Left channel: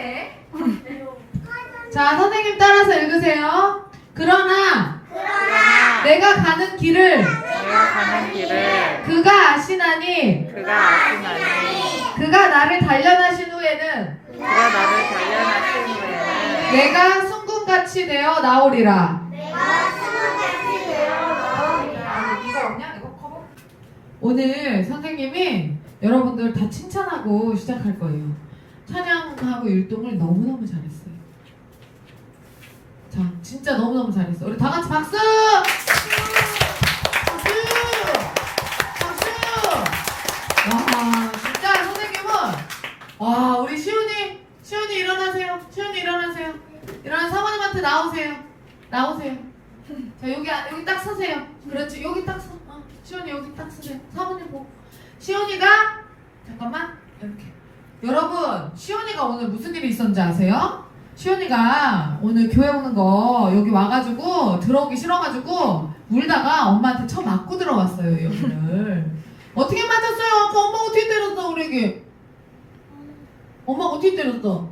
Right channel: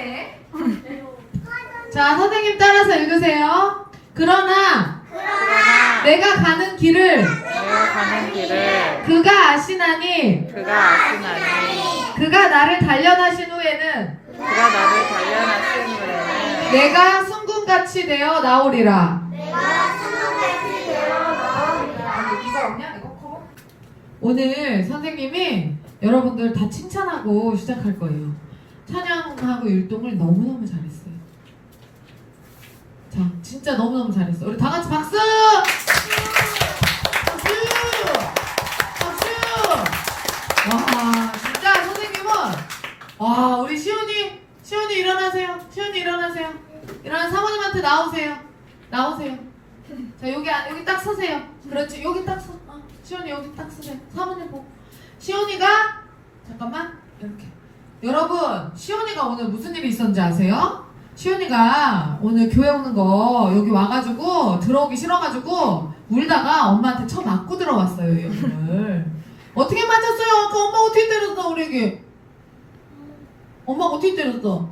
네. 자, 선생님 따라서 읽으세요. 그러나 내가 가는 길을 그가 아시나니 그가 나를 단련하신 후에는 내가 순금같이 되어 나오리라. 이거 없냐? 이거 커버? 오늘 선생님이 여러분들 다 칭찬하고 시작할 거예요. 찬양하고 율동을 너무너무 잘했어요. 자, 진짜 너무너무 잘했어. 우리 다 같이 박수! 박수! 박수! 와, 진짜 선생님은 와, 우리 시온이 일어나세요. 시온이 일어나세요. 일어나 사모님한테 나오세요. 나오세요. 자, 여기 딱 서세요. 그렇지, 여기 딱 서. 시온이 여기 딱 서세요. 사모님 보고. 시온이가 잠깐만 이렇게. 여러분, 시온이가 오늘 무슨 일이 있었는지 아세요? 시온이가 오늘 교회 오는 거 여기 와가지고 들어오기 싫어가지고 울다가 엄마한테 쳐 맞고 들어왔어요. 여기를. 어떻게 맞았어요? 아까 엄마가 어떻게 때렸어 우리에게? 엄마가 어떻게 때렸어?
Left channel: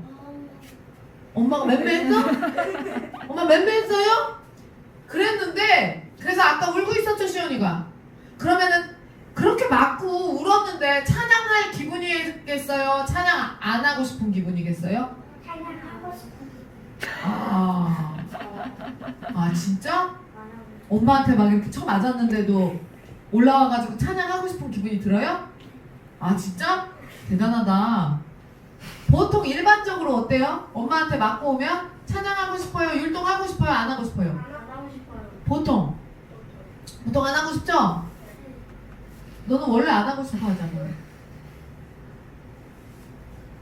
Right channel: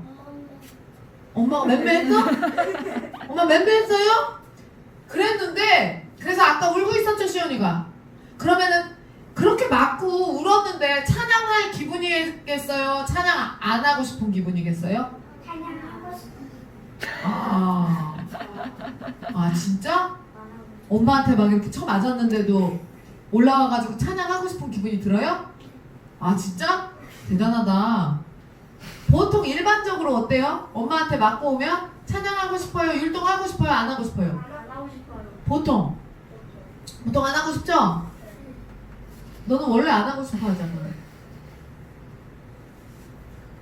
엄마가 맴매했어? 엄마 맴매했어요? 그랬는데 그래서 아까 울고 있었죠 시온이가. 그러면은 그렇게 맞고 울었는데 찬양할 기분이겠어요? 찬양 안 하고 싶은 기분이겠어요? 찬양하고 싶은. 아 진짜? 엄마한테 막 이렇게 쳐 맞았는데도 올라와가지고 찬양하고 싶은 기분이 들어요? 아 진짜? 대단하다. 보통 일반적으로 어때요? 엄마한테 맞고 오면 찬양하고 싶어요? 율동하고 싶어요? 안 하고 싶어요? 안 하고 싶어요. 보통 안 하고 싶죠? 너는 원래 안 하고 싶어 하잖아.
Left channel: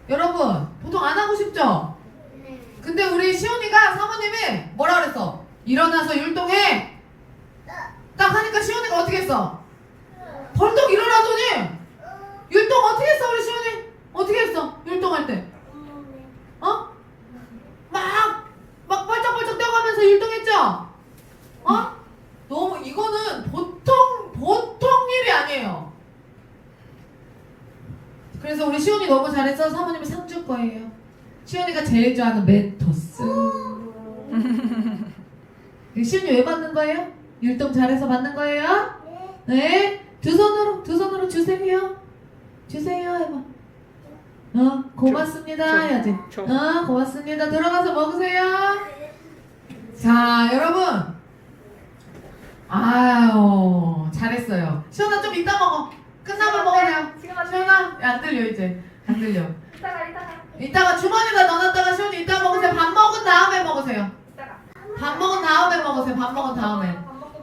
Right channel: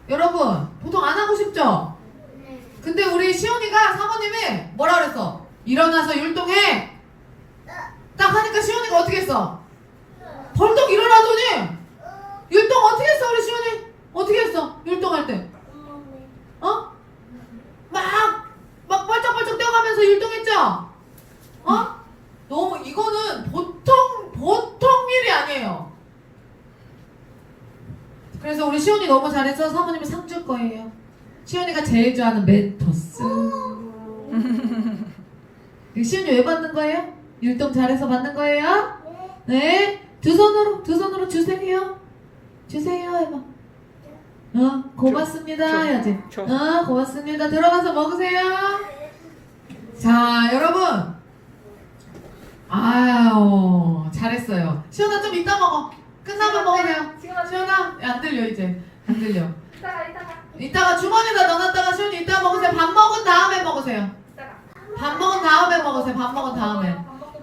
여러분 보통 안 하고 싶죠? 네. 근데 우리 시온이가 사모님이 뭐라 그랬어? 일어나서 율동해! 딱 하니까 시온이가 어떻게 했어? 벌떡 일어나더니 율동 어떻게 했어 우리 시온이? 어떻게 했어? 율동할 때 어? 막 벌쩍벌쩍 뛰어가면서 율동했죠? 어? 너무 이거는 보통 일이 아니에요. 그래서 우리 시온이 너무 잘해서 사모님이 상 줄 거예요. 시온이가 제일 좋아하는 멘토스. 시온이 왜 받는 거예요? 율동 잘해서 받는 거예요? 네. 두 손으로 주세요. 주세요 해봐. 고맙습니다 해야지. 고맙습니다. 들어가서 먹으세요. 자, 여러분. 아유, 잘했어요. 시온아 좀 이따 먹어. 끝나면 먹으세요. 시온아, 안 들려 이제. 안 들려. 이따가 주머니에다 넣어놨다가 시온이 이따 먹으세요. 밥 먹은 다음에 먹으세요. 밥 먹은 다음에 먹으세요. 밥 먹은 다음에.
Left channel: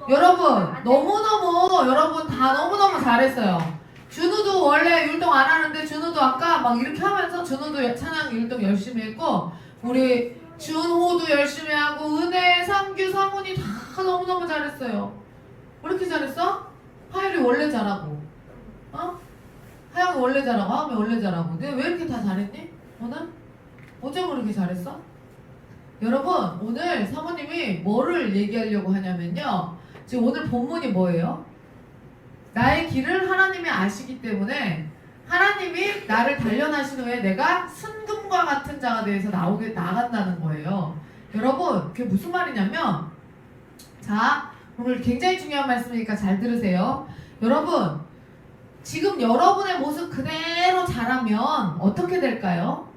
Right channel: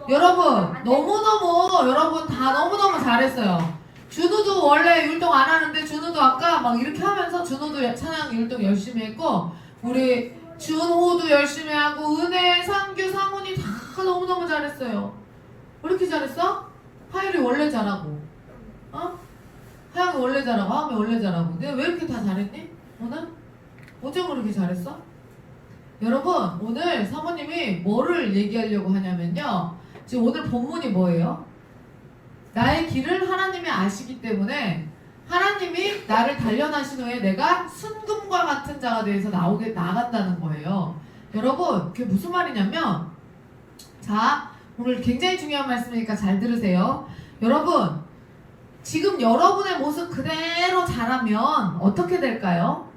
여러분, 여러분 다 너무너무 잘했어요. 준우도 원래 율동 안 하는데 준우도 아까 막 이렇게 하면서 준우도 찬양 율동 열심히 했고 우리 준호도 열심히 하고 은혜, 상규, 상훈이 다 너무너무 잘했어요. 왜 이렇게 잘했어? 하율이 원래 잘하고 하영이 원래 잘하고 하음이 원래 잘하고 내가 왜 이렇게 다 잘했니? 오늘? 어째 그렇게 잘했어? 여러분 오늘 사모님이 뭐를 얘기하려고 하냐면요 지금 오늘 본문이 뭐예요? 나의 길을 하나님이 아시기 때문에 하나님이 나를 단련하신 후에 내가 순금과 같은 자가 되어서 나간다는 거예요. 여러분 그게 무슨 말이냐면 자 오늘 굉장히 중요한 말씀이니까 잘 들으세요. 여러분 지금 여러분의 모습 그대로 자라면 어떻게 될까요?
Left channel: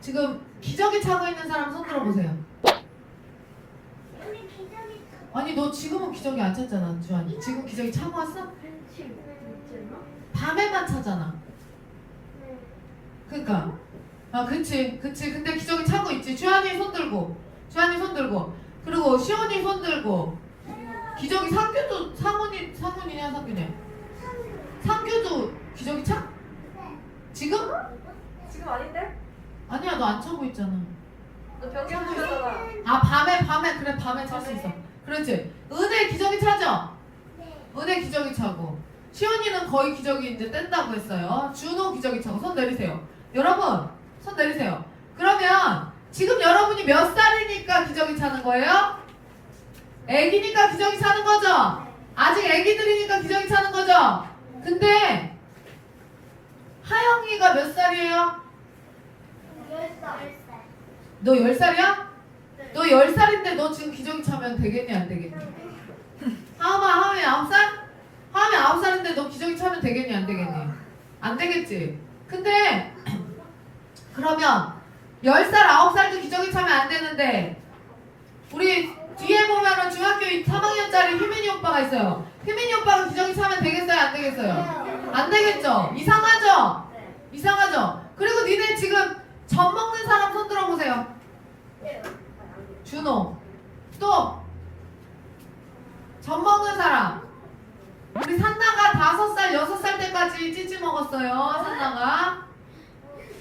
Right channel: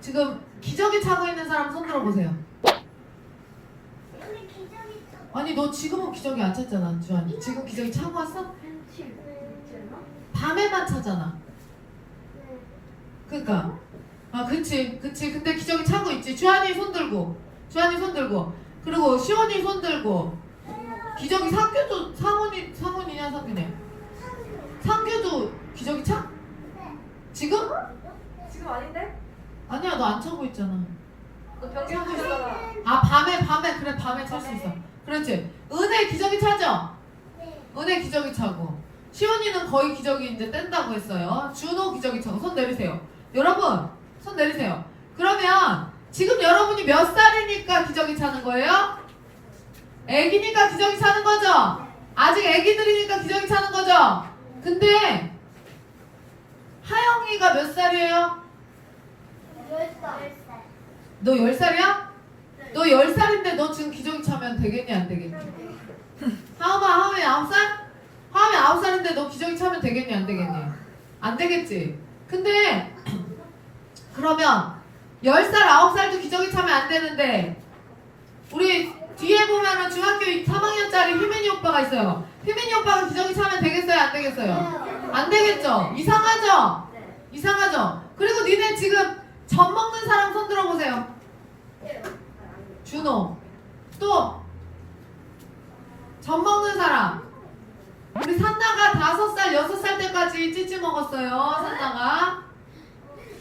지금 기저귀 차고 있는 사람 손 들어보세요. 아니 너 지금은 기저귀 안 찼잖아 주한이. 지금 기저귀 차고 왔어? 밤에만 차잖아. 그러니까 그치 근데 기저귀 차고 있지. 주한이 손 들고 그리고 시원이 손 들고 기저귀 상규도 상훈이냐 상규냐 상규도 기저귀 차? 지금? 지금 아닌데? 아니야 너 안 차고 있잖아. 너 병이 걸렸잖아. 아 밤에 그래 밤에 찰 수 있어. 그렇지. 은혜 기저귀 차죠? 은혜 기저귀 차고 시온이는 거의 기저귀 이제 뗀다고 했어요. 준호 기저귀 차고 손 내리세요. 여러분 손 내리세요. 그러면 지금 여러분이 몇 살이니까 기저귀 차는 거예요? 애기니까 기저귀 차는 거죠? 아직 애기들이니까 기저귀 차는 거죠? 근데 나이가 몇 살이에요? 10살. 너 10살이야? 너 10살인데 너 지금 기저귀 차면 되겠니 안 되겠니? 하음이 9살? 하음이 9살인데 너 기저귀 차면 되겠니 안 되겠니? 안 되겠지. 근데 그러면 10살 9살도 기저귀 차면 안 되는데 우리 뒤에 보면은 중학교 3학년짜리 희민이 오빠가 있어요. 희민이 오빠가 기저귀 차면 되겠어요 안 되겠어요? 안 되겠죠? 이상하죠? 이상하죠? 그리고 니네 지금 젖 먹는 사람 손 들어보세요. 준호. 또 젖 먹는 사람. 우리 산나가 5살, 6살 때까지 찌찌 먹었어요. 산나가.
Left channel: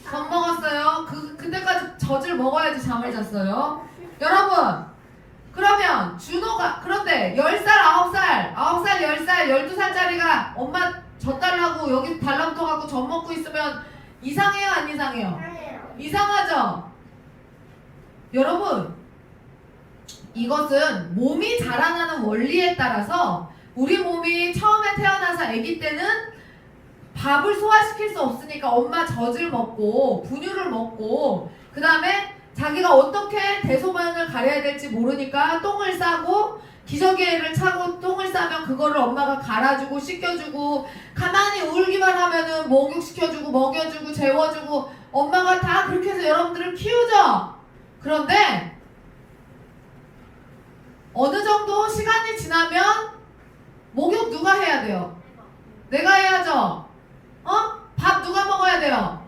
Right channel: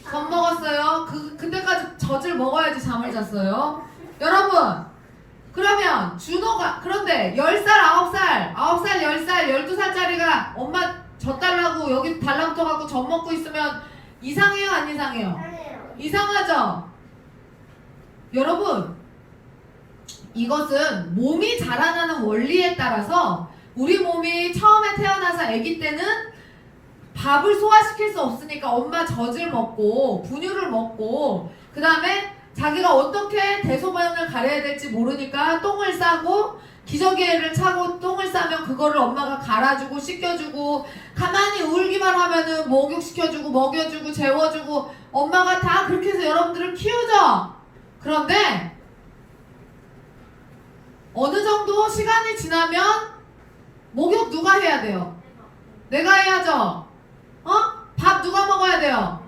젖 먹었어요. 그때까지 젖을 먹어야지 잠을 잤어요. 여러분, 그러면 준호가, 그런데 10살, 9살, 10살, 12살짜리가 엄마 젖 달라고 여기 달라붙어갖고 젖 먹고 있으면 이상해요, 안 이상해요? 이상하죠? 여러분, 이것은 몸이 자라나는 원리에 따라서 우리 몸이 처음에 태어나서 아기 때는 밥을 소화시킬 수 없으니까 엄마 젖을 먹고 분유를 먹고 그 다음에 자기가 어떻게 대소변을 가려야 될지 모르니까 똥을 싸고 기저귀를 차고 똥을 싸면 그거를 엄마가 갈아주고 씻겨주고 가만히 울기만 하면은 목욕시켜주고 먹여주고 재워주고 엄마가 다 그렇게 해서 여러분들을 키우죠. 그런데 어느 정도 시간이 지나면 목욕 누가 해야 돼요? 내가 해야죠. 밥 누가 먹어야 돼요?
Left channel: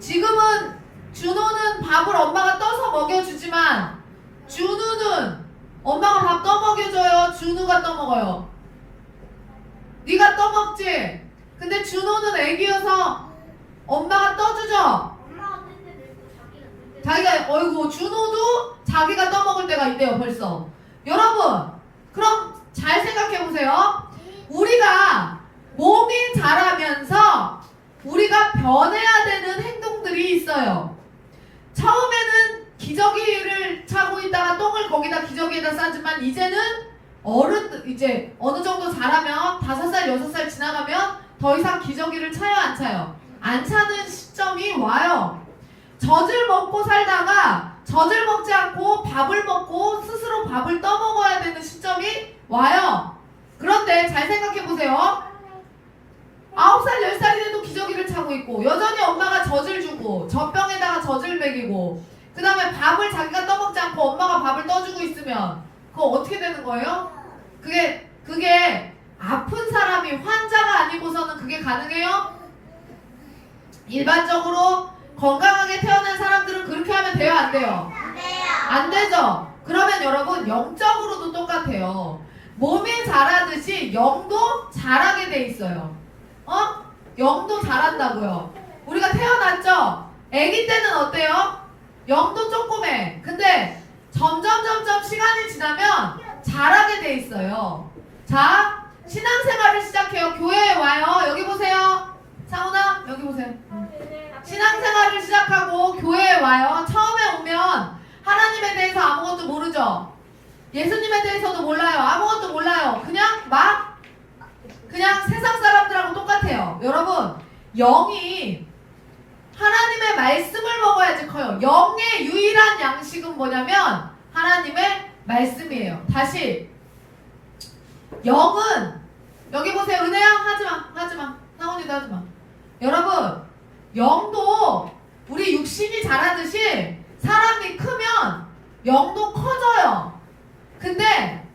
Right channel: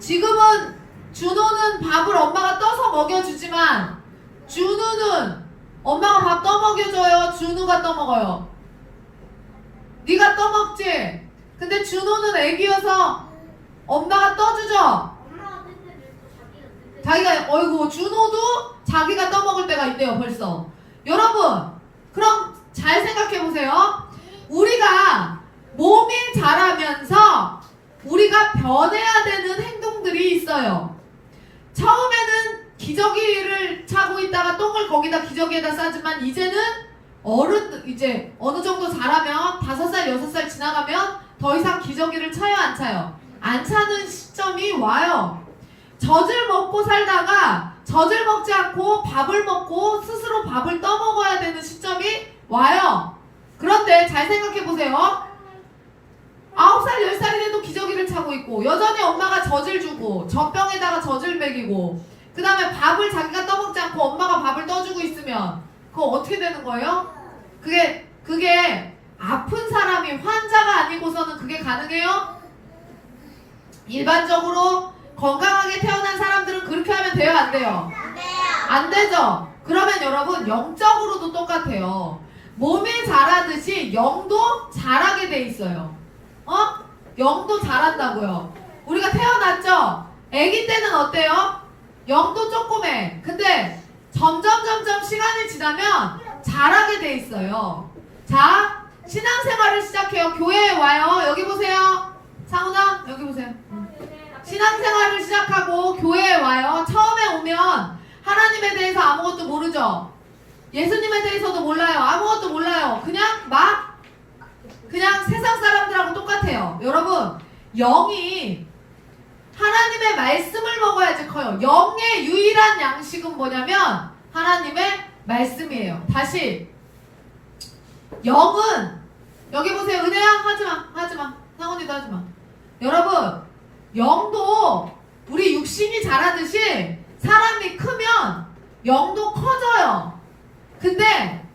지금은 준호는 밥을 엄마가 떠서 먹여주지만 준우는 엄마가 밥 떠먹여줘요? 준우가 떠먹어요? 네가 떠먹지? 근데 준호는 애기여서 엄마가 떠주죠? 엄마가 뜯는 자기가 뜯는 자기가 어이구 준호도 자기가 떠먹을 때가 있대요 벌써. 여러분 그럼 잘 생각해보세요. 우리가 몸이 자라면서 우리가 변해야 되는 행동들이 있어요. 처음에는 기저귀를 차고 있다가 똥을 거기다 기저귀에다 싸지만 이제는 어른 이제 어느 정도 자라면 5살 6살 지나가면 더 이상 기저귀를 차요 안 차요? 안 차는 시점이 와요. 젖을 먹고 살다가 젖을 먹지 않고 밥을 먹고 스스로 밥을 떠먹어야 되는 시점이 와요. 그런데 잘 생각해보세요. 9살 10살이 돼도 기저귀를 차고 있고 여전히 엄마가 젖을 주고 젖병에다가 젖을 먹이고 그 다음에 밥을 자기가 떠먹지 않고 엄마가 밥을 떠주고 있으면 그거 어떻게 되는 거예요? 그게 아픈 사람이 환자가 아니고서는 그게 가능해요? 일반적으로 건강하게 태어난 사람들은 그렇게 하면 돼요 안 돼요? 안 되죠? 그러면 여러분 영적으로도 똑같아요. 몸이 자라듯이 영도 자라게 돼 있어요. 영도 자란다고요. 우리가 태어났죠? 아기 때는 어때요? 영도 조그매. 근데 점점 시간이 지나면 자라게 돼 있어요. 자, 신앙생활을 시작해요. 교회에 와요. 여기 보세요. 상훈아, 여기 보세요. 신앙생활을 시작하고 교회에 와요. 처음에 오면 하나님에 대해서 아무것도 모르죠? 예수님에 대해서도 몰라요. 아무것도 몰라요. 그냥 세상 사람들하고 똑같아요. 여러분, 영이 하나님의 말씀을 먹어야지 커요. 영의 유일한 양식은 뭐냐면 하나님의 말씀이에요. 다시 영은 여기 보세요. 은혜야 하지마. 상훈이도 하지마. 여러분 영도 우리 육신이 자라듯이 사람이 크면 영도 커져요. 근데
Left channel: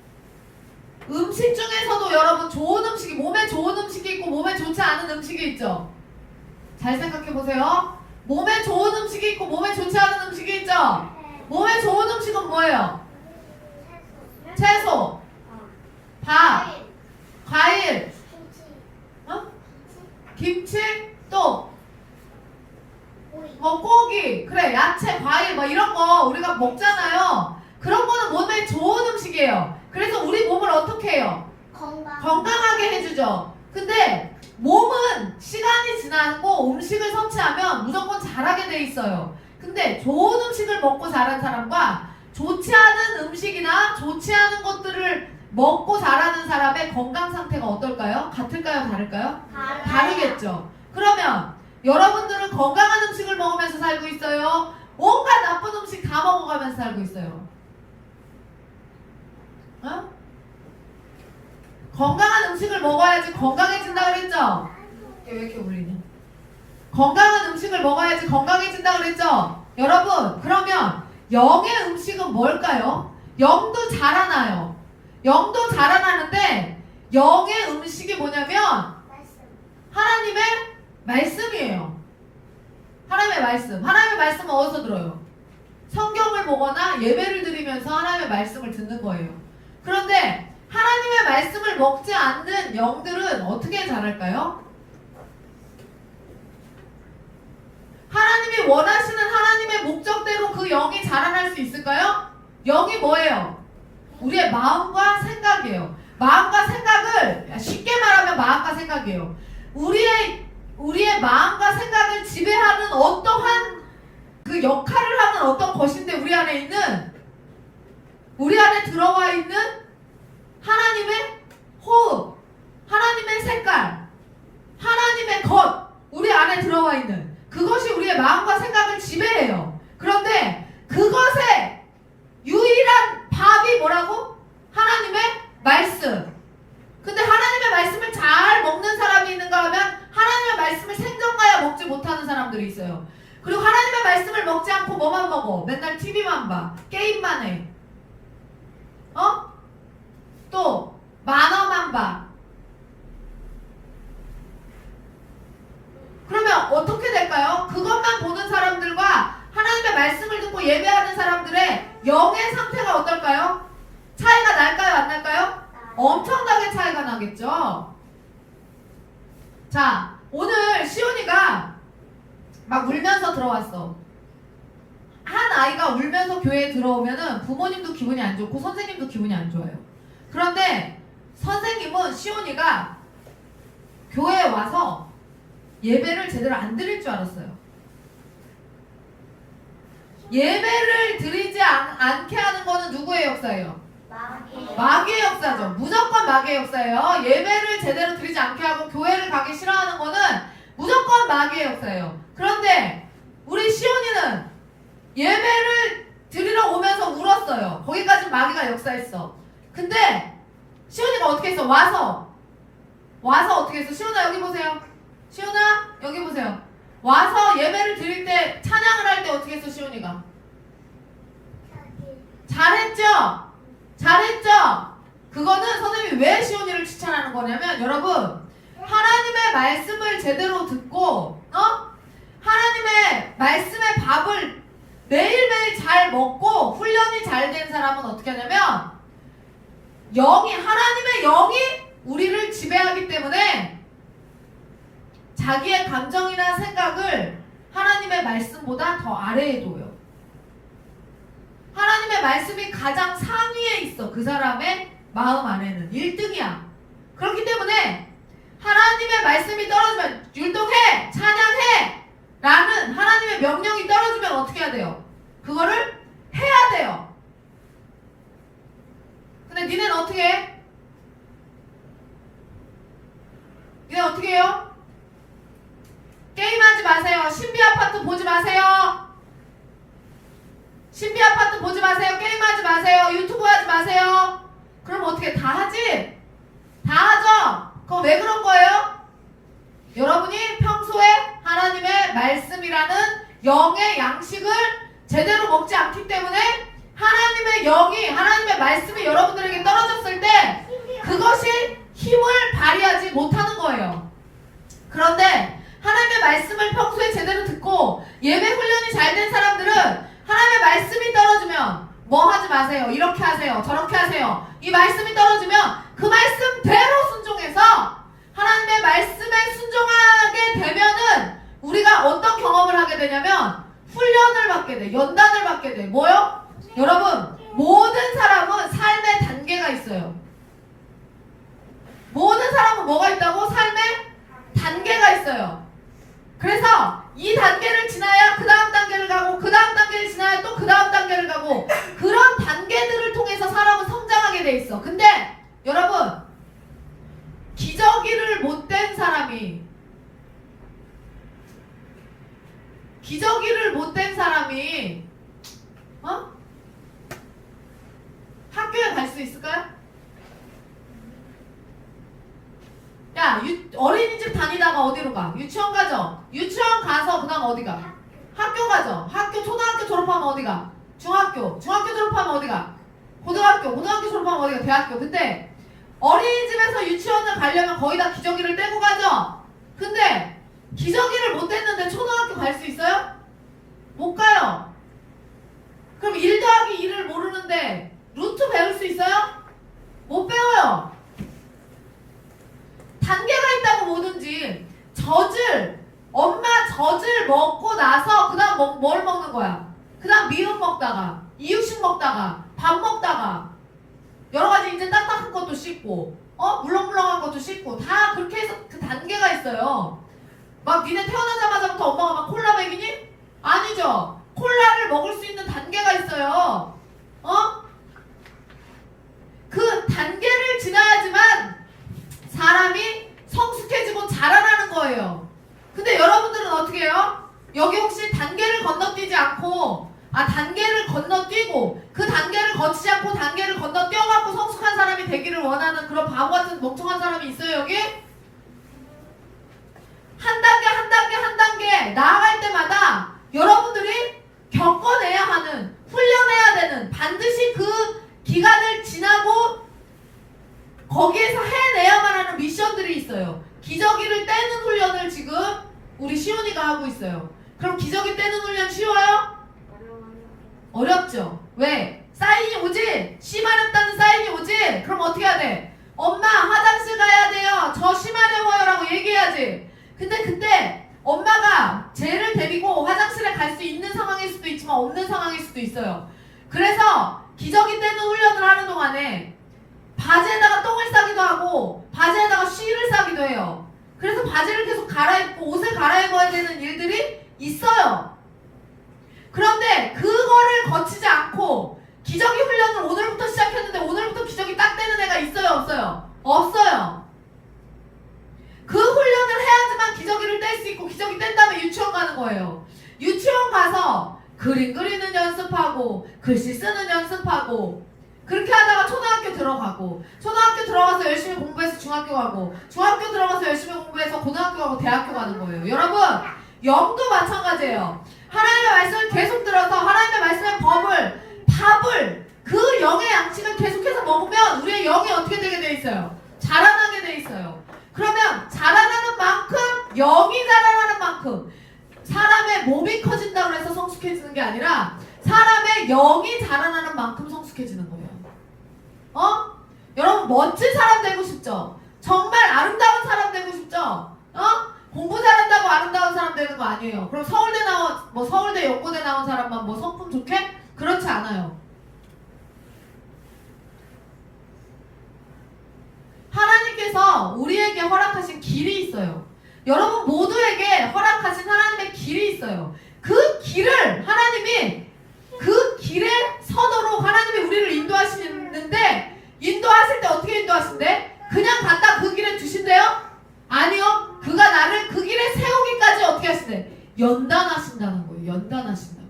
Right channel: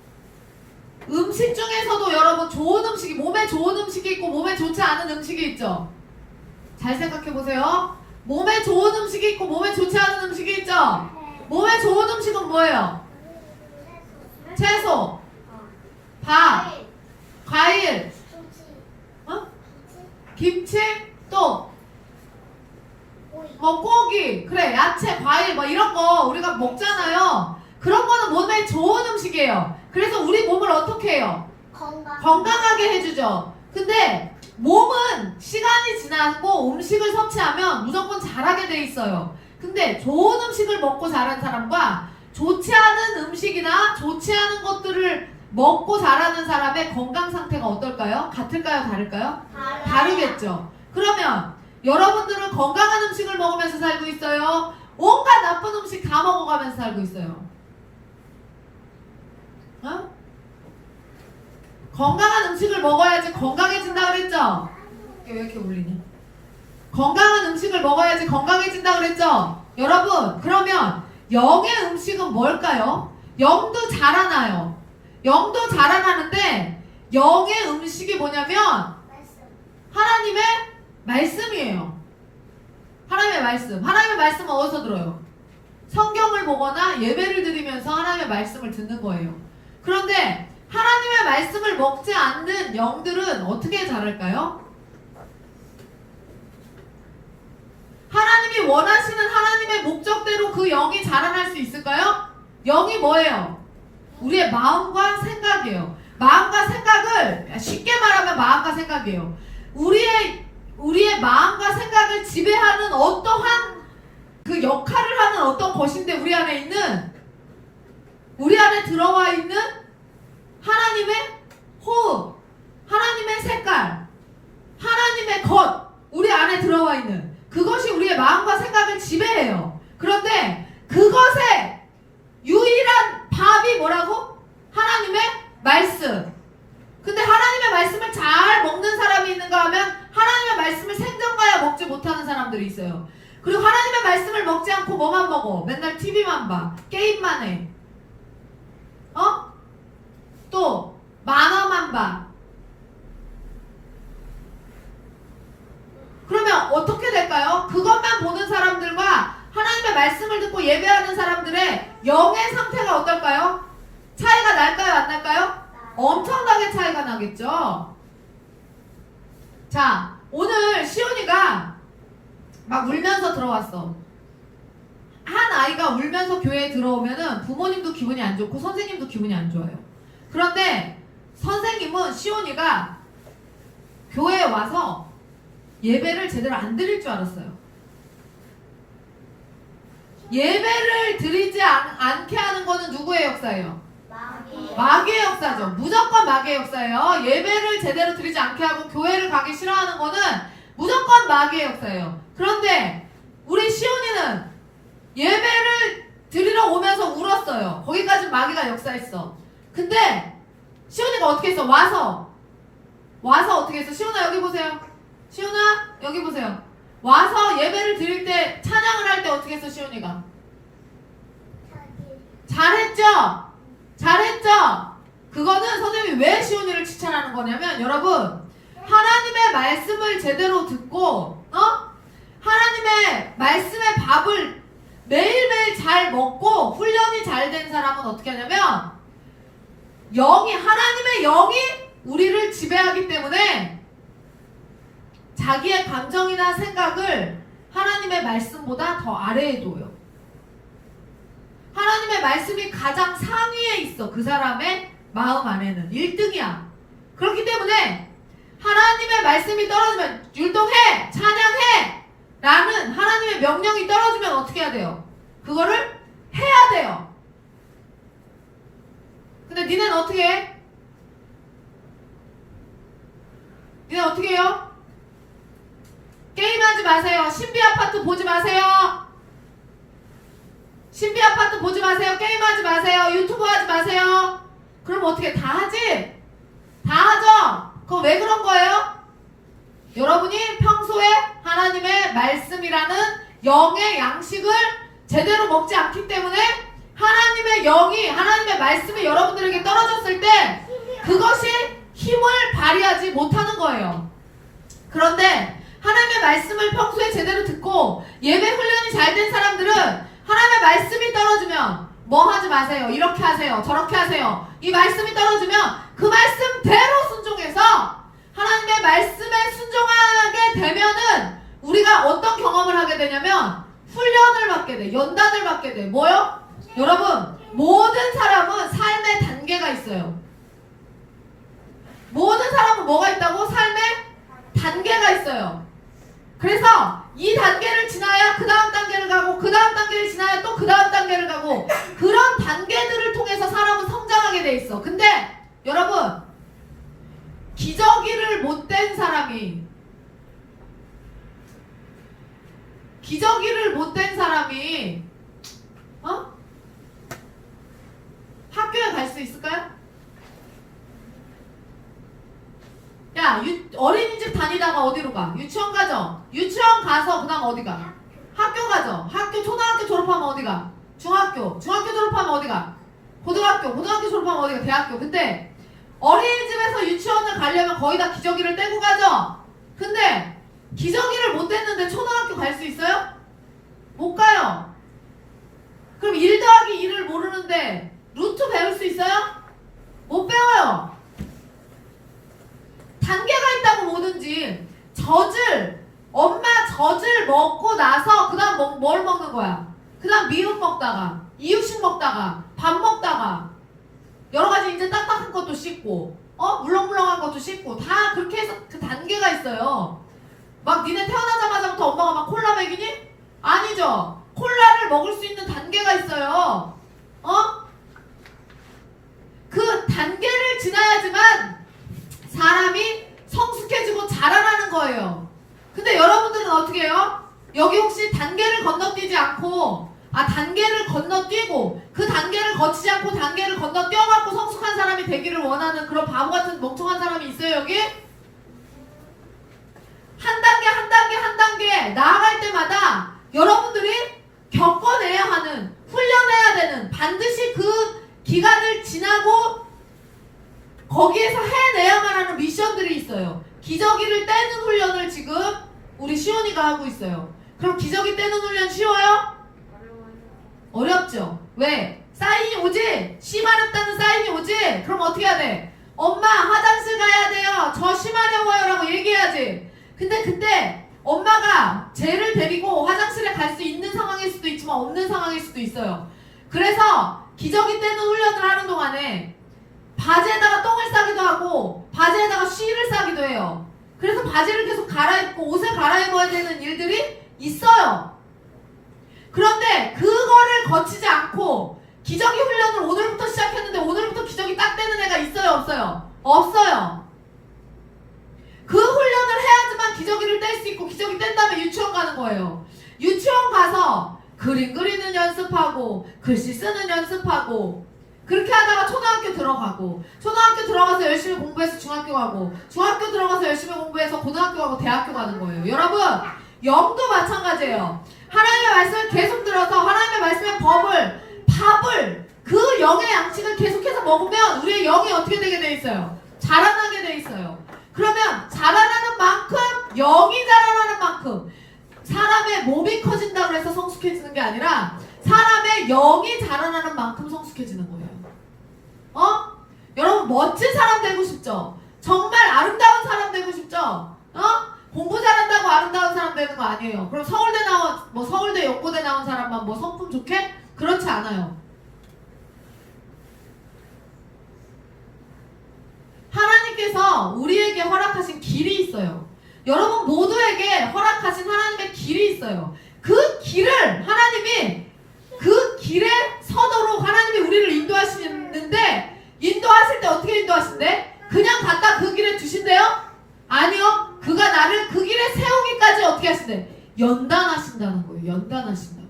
음식 중에서도 여러분 좋은 음식이 몸에 좋은 음식이 있고 몸에 좋지 않은 음식이 있죠. 잘 생각해보세요. 몸에 좋은 음식이 있고 몸에 좋지 않은 음식이 있죠. 몸에 좋은 음식은 뭐예요? 채소, 밥, 과일, 김치, 또 고기, 그래 야채, 과일 뭐 이런 거 우리가 먹잖아요. 그런 거는 몸에 좋은 음식이에요. 그래서 우리 몸을 어떻게 해요? 건강하게 해주죠. 근데 몸은 시간이 지나고 음식을 섭취하면 무조건 자라게 돼 있어요. 근데 좋은 음식을 먹고 자란 사람과 좋지 않은 음식이나 좋지 않은 것들을 먹고 자라는 사람의 건강 상태가 어떨까요? 같을까요? 다를까요? 다르겠죠. 그러면 여러분들은 건강한 음식을 먹으면서 살고 있어요? 온갖 나쁜 음식 다 먹어가면서 살고 있어요? 어? 건강한 음식을 먹어야지 건강해진다 그랬죠? 이게 왜 이렇게 울리냐? 건강한 음식을 먹어야지 건강해진다 그랬죠? 여러분, 그러면 영의 음식은 뭘까요? 영도 자라나요. 영도 자라나는데 영의 음식이 뭐냐면 하나님의 말씀이에요. 하나님의 말씀. 하나님의 말씀은 어디서 들어요? 성경을 보거나 예배를 드리면서 하나님의 말씀을 듣는 거예요. 그런데 하나님의 말씀을 먹지 않는 영들은 어떻게 자랄까요? 하나님이 원하시는 하나님의 목적대로 그 영이 자라날 수 있을까요? 영이 뭐예요? 우리의 마음과 생각이에요. 마음과 생각을 쉽게 말하면 마음과 생각이에요. 우리의 마음과 생각을 지배하는 어떠한 그 역할을 하는 어떤 것인데 우리 안에 들어와 있는 하나님의 호흡, 하나님의 색깔, 하나님의 것, 우리 안에 들어와 있는 그것이 우리의 마음과 생각을 지배해요. 그런데 그것의 유일한 밥이 뭐라고? 하나님의 말씀. 근데 하나님의 말씀을 잘 먹는 사람이 있는가 하면 하나님의 말씀을 생전가야 먹지 못하는 사람들이 있어요. 그리고 하나님의 말씀을 먹지 않고 뭐만 먹어? 맨날 TV만 봐. 게임만 해. 또 만화만 봐. 그러면 어떻게 될까요? 그것만 보는 사람들과 하나님의 말씀을 듣고 예배하는 사람들의 영의 상태가 어떨까요? 차이가 날까요? 안 날까요? 엄청나게 차이가 나겠죠? 자, 오늘 시온이가 막 울면서 들어왔어. 한 아이가 울면서 교회에 들어오면은 부모님도 기분이 안 좋고 선생님도 기분이 안 좋아요. 그런데 선생님은 시온이가 교회에 와서 예배를 제대로 안 드릴 줄 알았어요. 예배를 드리지 않게 하는 거는 누구의 역사예요? 마귀의 역사죠. 무조건 마귀의 역사예요. 예배를 제대로 드리지 않게 하고 교회를 가기 싫어하는 거는 무조건 마귀의 역사예요. 그런데 우리 시온이는 예배를 드리러 오면서 울었어요. 거기까지 마귀가 역사했어. 근데 시온이가 어떻게 했어? 와서 어떻게 했어? 시온아 여기 보세요. 시온아 여기 보세요. 와서 예배를 드릴 때 찬양을 할 때 어떻게 했어? 시온이가 잘했죠? 잘했죠? 그거는 선생님이 왜 시온이를 칭찬하는 거냐면 여러분 하나님의 말씀을 제대로 듣고 하나님의 말씀의 밥을 매일매일 잘 먹고 훈련이 잘 된 사람은 어떻게 하냐면 하나님의 영이 우리를 지배하기 때문에 자기의 감정이나 생각을 하나님의 말씀보다 더 아래에 둬요. 하나님의 말씀이 가장 상위에 있어. 그 사람의 마음 안에는 1등이야. 그렇기 때문에 하나님의 말씀이 떨어지면 율동해! 찬양해! 라는 하나님의 명령이 떨어지면 어떻게 해야 돼요? 그거를 해야 돼요. 근데 니네는 어떻게 해? 니네 어떻게 해요? 게임하지 마세요. 신비아파트 보지 마세요. 신비아파트 보지 마세요. 게임하지 마세요. 유튜브 하지 마세요. 그럼 어떻게 다 하지? 다 하죠? 그럼 왜 그런 거예요? 여러분이 평소에 하나님의 말씀이라는 영의 양식을 제대로 먹지 않기 때문에 하나님의 영이 하나님의 말씀이 여러분들에게 떨어졌을 때 그것이 힘을 발휘하지 못하는 거예요. 그런데 하나님의 말씀을 평소에 제대로 듣고 예배 훈련이 잘 된 사람들은 하나님의 말씀이 떨어지면 뭐 하지 마세요. 이렇게 하세요. 저렇게 하세요. 이 말씀이 떨어지면 그 말씀대로 순종해서 하나님의 말씀에 순종하게 되면은 우리가 어떤 경험을 하게 되냐면 훈련을 받게 돼. 연단을 받게 돼. 뭐요? 여러분 모든 사람은 삶의 단계가 있어요. 모든 사람은 뭐가 있다고? 삶의 단계가 있어요. 그래서 이 단계를 지나야 그 다음 단계를 가고 그 다음 단계를 지나야 또 그 다음 단계를 가고 그런 단계들을 통해서 사람은 성장하게 돼 있어. 근데 여러분 기저귀를 못댄 사람이 기저귀를 못 댄 사람이 학교에 갈 수 있을까요? 야, 어린이집 다니다가 어디로 가? 유치원 가죠? 유치원 가서 그 다음 어디 가? 학교 가죠? 초등학교 졸업하면 어디 가? 중학교 졸업하면 어디 가? 고등학교 졸업하면 어디 가? 대학교. 근데 어린이집에서 유치원을 가려면 거의 다 기저귀를 떼고 가죠? 근데 기저귀를 못 뗐는데 초등학교 갈 수 있어요? 못 가요. 그럼 1 더하기 2를 모르는데 루트 배울 수 있어요? 못 배워요. 단계가 있다고 뭐든지 엄마 젖을 먹고 나서 그 다음 뭘 먹는 거야? 그 다음 미음 먹다가 이유식 먹다가 밥 먹다가 여러 가지 이제 딱딱한 것도 씻고 물렁물렁한 것도 씻고 다 그렇게 해서 그 단계가 있어요. 막 니네 태어나자마자부터 엄마가 막 콜라 먹이니? 아니죠. 콜라를 먹을 수 있는 단계가 있어요. 그 단계를 지나야지만 사람이 성숙해지고 자라나는 거예요. 근데 여러분들은 어떻게 해요? 여기 혹시 단계를 건너뛰지 않고 단계를 건너뛰고 그 단계를 거치지 않고 단계를 건너뛰어갖고 성숙한 사람이 되기를 원하는 그런 바보 같은 멍청한 사람이 있어요 여기? 한 단계 나아갈 때마다 여러분들이 겪어내야 하는 훈련해야 되는 반드시 그 기간을 지나고 거기에서 해내야만 하는 미션들이 있어요. 기저귀를 떼는 훈련을 지금 우리 시온이가 하고 있어요. 그럼 기저귀 떼는 훈련 쉬워요? 어렵죠? 왜? 사인이 오지? 씨 마렵다는 사인이 오지? 그럼 어떻게 해야 돼? 엄마 화장실 가야 돼요. 저 씨 마려워요 라고 얘기해야지. 근데 그때 엄마가 쟤를 데리고 화장실에 갈 수 있는 상황일 수도 있지만 없는 상황일 수도 있어요. 그래서 기저귀 떼는 훈련을 하는 동안에 바지에다가 똥을 싸기도 하고 바지에다가 쉬를 싸기도 해요. 그래서 바지를 계속 갈아입고 옷을 갈아입어야 되는 일들이 있어요. 그런데 그거를 거치지 않고 기저귀 훈련을 오늘부터 시작했는데 오늘부터 기저귀 딱 떼는 애가 있어요? 없어요? 없어요. 그 훈련을 해야지만 기저귀를 뗄 수 있고 기저귀 뗀 다음에 유치원 가는 거예요. 유치원 가서 그림 그리는 연습하고 글씨 쓰는 연습하고 그렇게 하다가 초등학교 들어가고 초등학교 들어가서 열심히 공부해서 중학교 가고 중학교 들어가서 열심히 공부해서 고등학교 가고 대학교 가는 거예요. 여러분 영도 마찬가지예요. 하나님의 말씀을 계속 들어서 하나님의 말씀의 밥을 그 영의 양식을 계속해서 먹으면 우리의 영이 어떻게 되게 돼 있어요? 자라나게 돼 있어요. 그러면 자라나는 만큼 영이 자라나는 만큼 사람의 몸이 커진다고 해서 성숙해지는 게 아니라 사람의 영이 자라나는 만큼 성숙해지는 거예요. 여러분 멋진 사람 되고 싶죠? 정말 아름다운 사람 되고 싶죠? 공부 잘한다고 아름다운 사람 되는 거 아니에요. 그럼 서울대 연고대 나온 사람만 성품 좋게? 그렇지 않아요. 하나님께서 우리에게 허락하신 길이 있어요. 여러분 모두에게 허락하신 하나님의 길이 있어요. 그 길을 하나님이 그 길에 서도록 하나님이 우리를 인도하시는데 인도하실 때 어떻게 인도하신대? 그냥 갖다 그 길에 두신대요? 아니요. 그가 나를 그 길에 세우기까지 어떻게 하신대? 연단하신다는 거예요. 연단하신다고.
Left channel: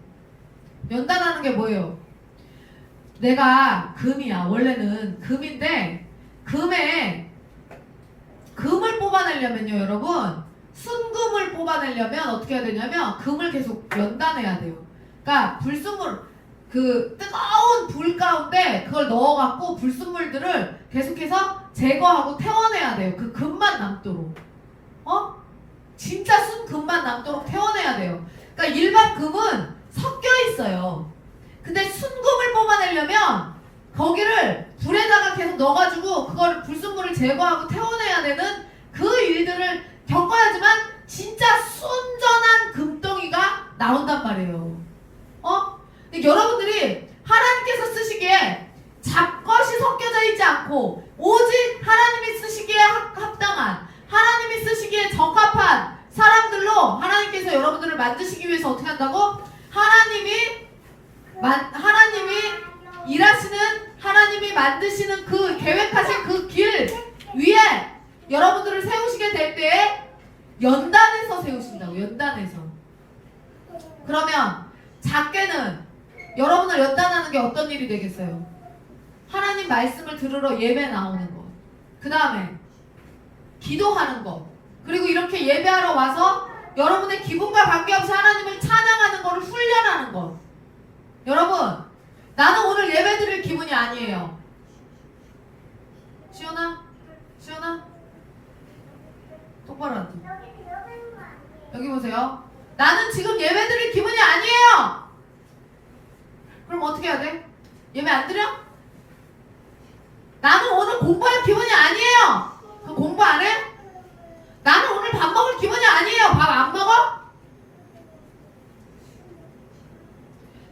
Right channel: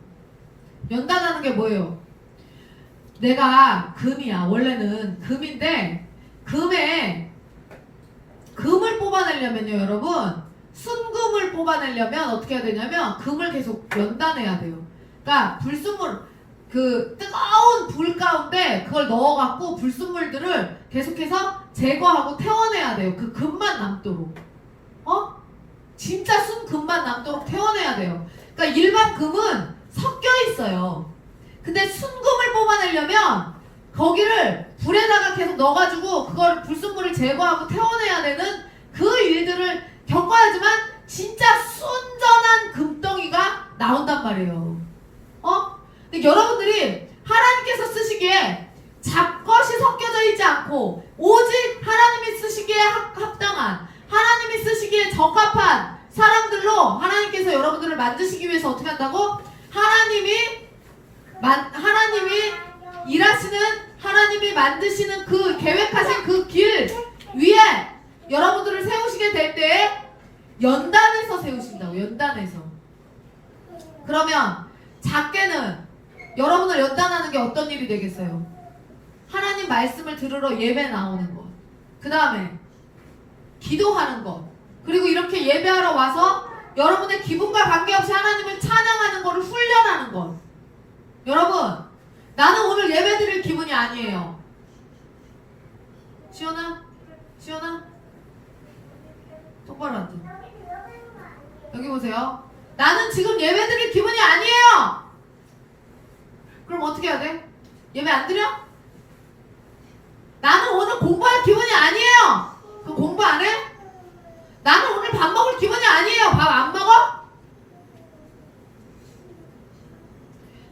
연단하는 게 뭐예요? 내가 금이야. 원래는 금인데 금을 뽑아내려면요 여러분 순금을 뽑아내려면 어떻게 해야 되냐면 금을 계속 연단해야 돼요. 그러니까 그 뜨거운 불 가운데 그걸 넣어갖고 불순물들을 계속해서 제거하고 태워내야 돼요. 그 금만 남도록. 진짜 순금만 남도록 태워내야 돼요. 그러니까 일반 금은 섞여 있어요. 근데 순금을 뽑아내려면 거기를 불에다가 계속 넣어가지고 그걸 불순물을 제거하고 태워내야 되는 그 일들을 겪어야지만 진짜 순전한 금덩이가 나온단 말이에요. 근데 여러분들이 하나님께서 쓰시기에 잡것이 섞여져 있지 않고 오직 하나님이 쓰시기에 합당한 하나님이 쓰시기에 적합한 사람들로 하나님께서 여러분들을 만드시기 위해서 어떻게 한다고? 하나님이 일하시는 하나님이 만드시는 그 계획하신 그 길 위에 여러분들을 세우시게 될 때 연단해서 세우신다고. 연단해서. 그러면 작게는 여러분을 연단하는 게 어떤 일이 되겠어요? 하나님 말씀을 들으러 예배 나오는 것. 그 다음에 기도하는 것. 그리고 이렇게 예배하러 와서 여러분의 기분과 관계없이 하나님을 찬양하는 것을 훈련하는 것. 여러분, 나는 오늘 예배 드릴 기분이 아니에요. 시원아? 시원아? 똑바로 앉아. 여기 보세요. 나는 지금 예배 드릴 기분이 아니에요. 그럼 어떻게 해야 돼? 예배 안 드려? 나는 오늘 공부할 기분이 아니에요. 그럼 공부 안 해? 나는 오늘 밥 먹을 기분이 아니에요. 밥 안 먹어?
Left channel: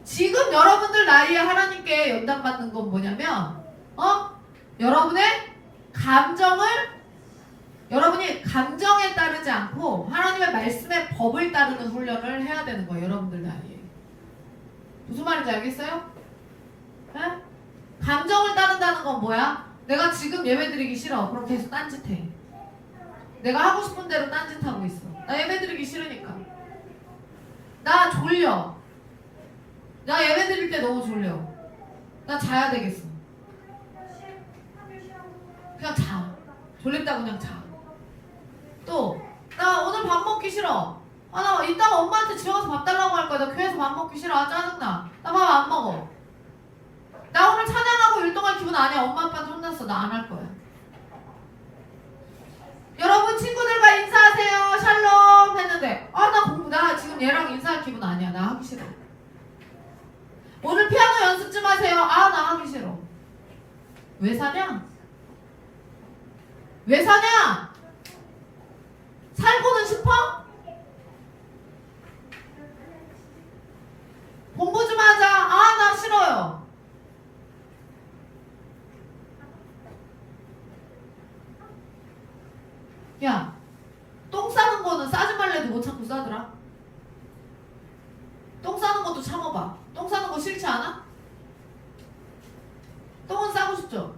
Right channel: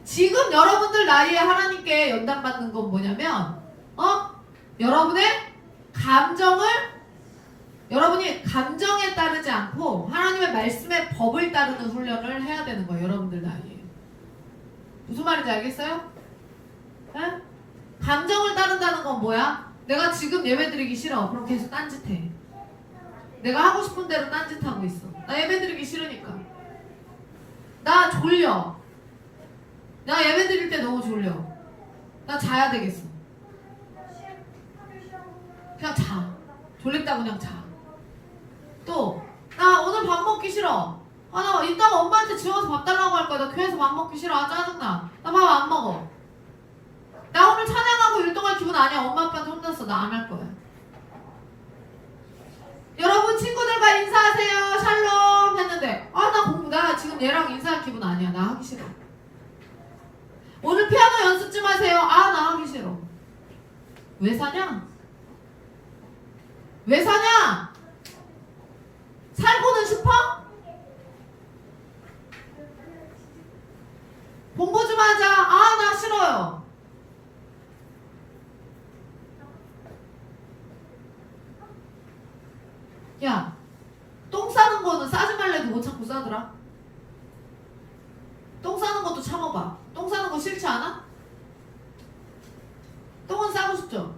지금 여러분들 나이에 하나님께 연단받는 건 뭐냐면 여러분의 여러분이 감정에 따르지 않고 하나님의 말씀의 법을 따르는 훈련을 해야 되는 거예요. 여러분들 나이에. 무슨 말인지 알겠어요? 네? 감정을 따른다는 건 뭐야? 내가 지금 예배 드리기 싫어. 그럼 계속 딴짓해. 내가 하고 싶은 대로 딴짓하고 있어. 나 예배 드리기 싫으니까. 나 졸려. 나 예배 드릴 때 너무 졸려. 나 자야 되겠어. 그냥 자. 졸립다 그냥 자. 또 나 오늘 밥 먹기 싫어. 나 이따가 엄마한테 집에 가서 밥 달라고 할 거야. 나 교회에서 밥 먹기 싫어. 짜증나. 나 밥 안 먹어. 나 오늘 찬양하고 율동할 기분 아니야. 엄마 아빠한테 혼났어. 나 안 할 거야. 여러분 친구들과 인사하세요. 샬롬 했는데 나 지금 얘랑 인사할 기분 아니야. 나 하기 싫어. 오늘 피아노 연습 좀 하세요. 나 하기 싫어. 왜 사냐? 왜 사냐? 살고는 싶어? 공부 좀 하자. 나 싫어요. 야, 똥 싸는 거는 싸지 말래도 못 참고 싸더라. 똥 싸는 것도 참아봐. 똥 싸는 거 싫지 않아? 똥은 싸고 싶죠?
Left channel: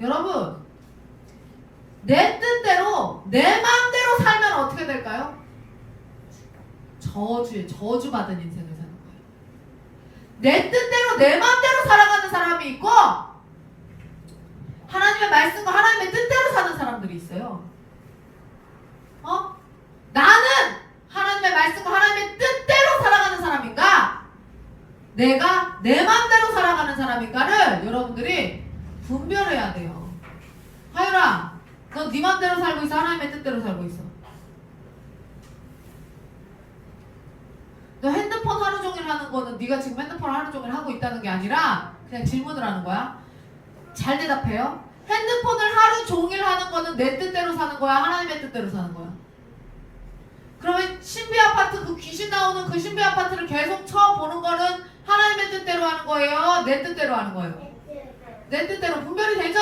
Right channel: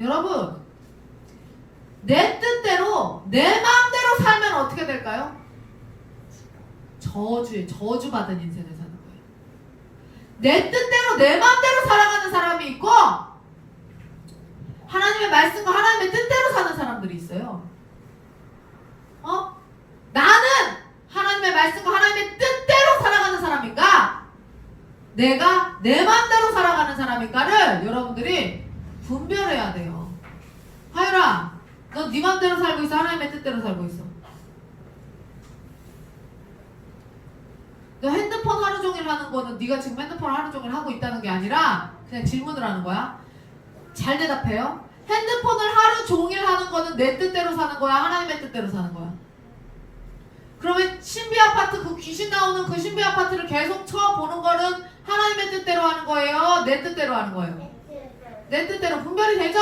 여러분, 내 뜻대로 내 마음대로 살면 어떻게 될까요? 저주받은 인생을 사는 거예요. 내 뜻대로 내 마음대로 살아가는 사람이 있고 하나님의 말씀과 하나님의 뜻대로 사는 사람들이 있어요. 나는 하나님의 말씀과 하나님의 뜻대로 살아가는 사람인가? 내가 내 마음대로 살아가는 사람인가를 여러분들이 분별해야 돼요. 하율아, 넌 네 마음대로 살고 있어? 하나님의 뜻대로 살고 있어? 너 핸드폰 하루 종일 하는 거는 네가 지금 핸드폰 하루 종일 하고 있다는 게 아니라 그냥 질문을 하는 거야. 잘 대답해요. 핸드폰을 하루 종일 하는 거는 내 뜻대로 사는 거야? 하나님의 뜻대로 사는 거야? 그러면 신비 아파트 그 귀신 나오는 그 신비 아파트를 계속 쳐보는 거는 하나님의 뜻대로 하는 거예요? 내 뜻대로 하는 거예요? 내 뜻대로. 분별이 되죠?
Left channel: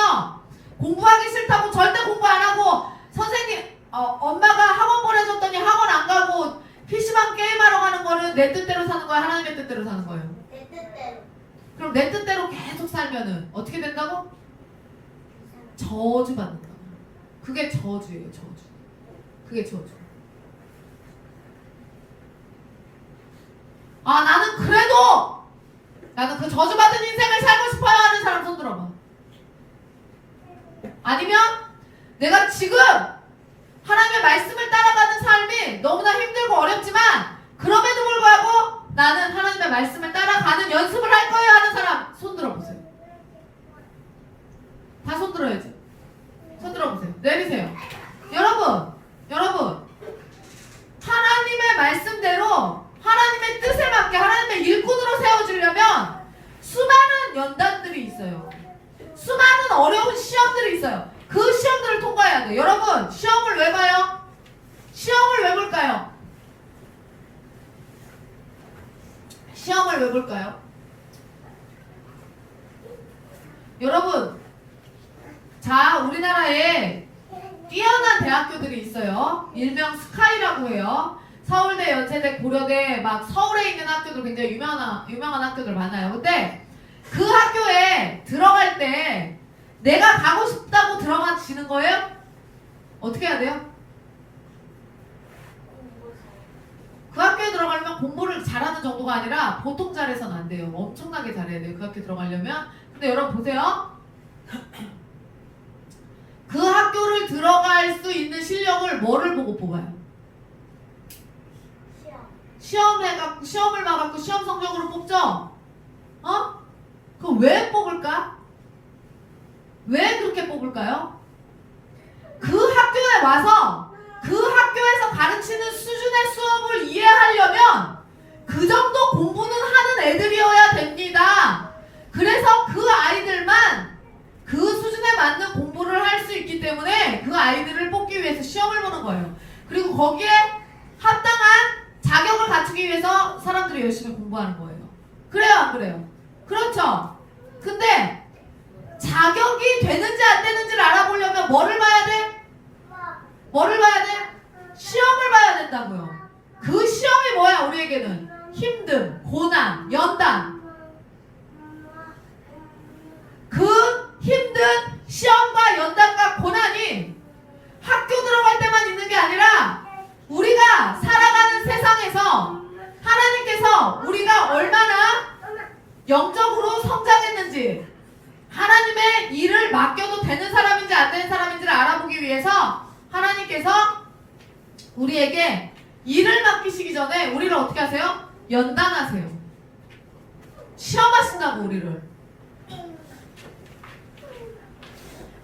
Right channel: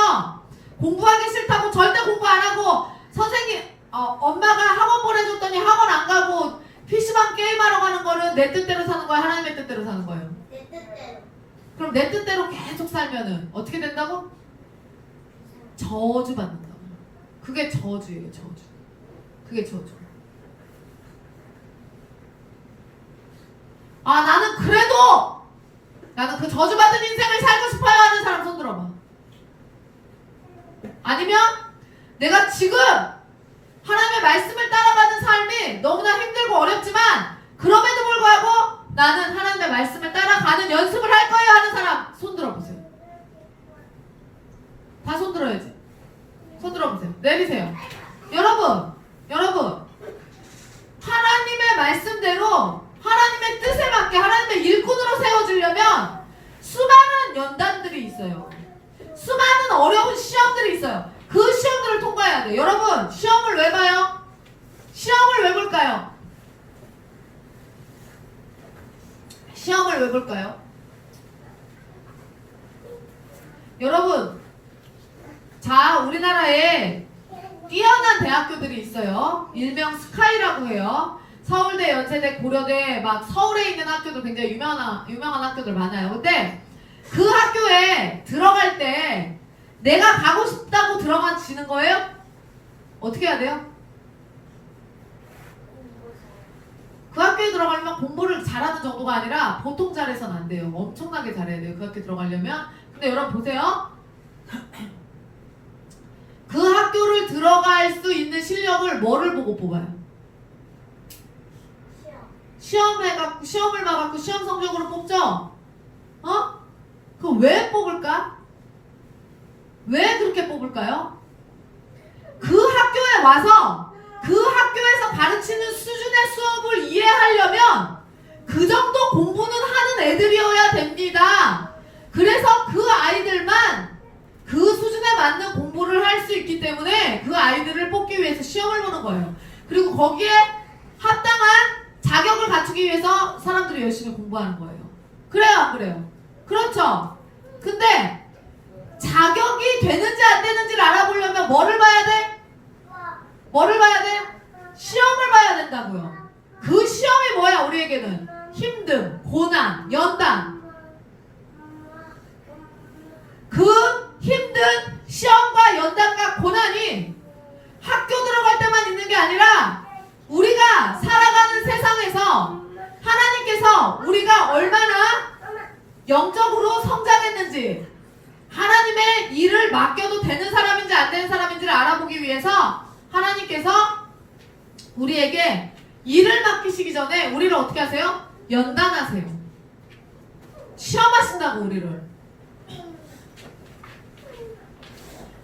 공부하기 싫다고 절대 공부 안 하고 선생님 엄마가 학원 보내줬더니 학원 안 가고 PC방 게임하러 가는 거는 내 뜻대로 사는 거야? 하나님의 뜻대로 사는 거예요? 내 뜻대로. 그럼 내 뜻대로 계속 살면은 어떻게 된다고? 저주받는다. 그게 저주예요. 저주. 그게 저주. 나는 그래도 나는 그 저주받은 인생을 살고 싶어요 하는 사람 손 들어봐. 아니면 내가 지금 하나님의 말씀을 따라가는 삶이 너무나 힘들고 어렵지만 그럼에도 불구하고 나는 하나님의 말씀을 따라가는 연습을 할 거예요 하는 사람 손 들어보세요. 다 손 들어야지. 손 들어보세요. 내리세요. 여러분 하나님의 말씀대로 하나님의 뜻에 맞게 하나님의 일꾼으로 세워지려면 수많은 연단들이 있어요. 수많은 어려운 시험들이 있어요. 그 시험들을 통과해야 돼요. 여러분 시험을 왜 봐요? 시험을 왜 볼까요? 시험을 왜 볼까요? 여러분 자 우리나라에 뛰어난 대학교들이 있어요. 일명 스카이라고 해요. 서울대, 연세대, 고려대 막 서울에 있는 학교도 굉장히 유명한 학교들 많아요. 근데 그 학교에 들어갈 때 내가 가고 싶다고 들어가지는 거예요? 어떻게 해야 돼요? 학교에 들어가려면 공부를 잘하는 정도가 아니라 보통 잘해서는 안 돼요. 엄청나게 잘해야 돼요. 그 학교에 들어가려면. 근데 여러분 보세요. 그 학교를 들어갈 수 있는 실력을 뭐를 보고 뽑아요? 시험을 봐갖고 시험 성적으로 뽑죠? 그럼 왜 뽑을까? 왜 그렇게 뽑을까요? 그 학교에 와서 그 학교에서 가르치는 수준의 수업을 이해하려면 그 정도 공부는 하는 애들이어야 됩니다. 그래서 그 아이들만 그 수준에 맞는 공부를 할 수 있기 때문에 그 아이들을 뽑기 위해서 시험을 보는 거예요. 그리고 거기에 합당한 자격을 갖추기 위해서 사람들이 열심히 공부하는 거예요. 그래요, 안 그래요? 그렇죠? 근데 자격이 되는지 안 되는지를 알아보려면 뭐를 봐야 돼? 뭐를 봐야 돼? 시험을 봐야 된다고요. 그 시험이 뭐야 우리에게는? 힘듦, 고난, 연단. 그 힘든 시험과 연단과 고난이 학교 들어갈 때만 있는 게 아니라 우리가 살아가는 세상에서 하나님께서 우리가 얼마나 영적으로 성장했는지 하나님의 일을 맡겨도 되는 사람인지 안 되는 사람인지를 알아보기 위해서 하나님께서 우리에게 일을 맡기시기 전에 우리를 어떻게 하세요? 연단하세요. 시험하신다고 우리를.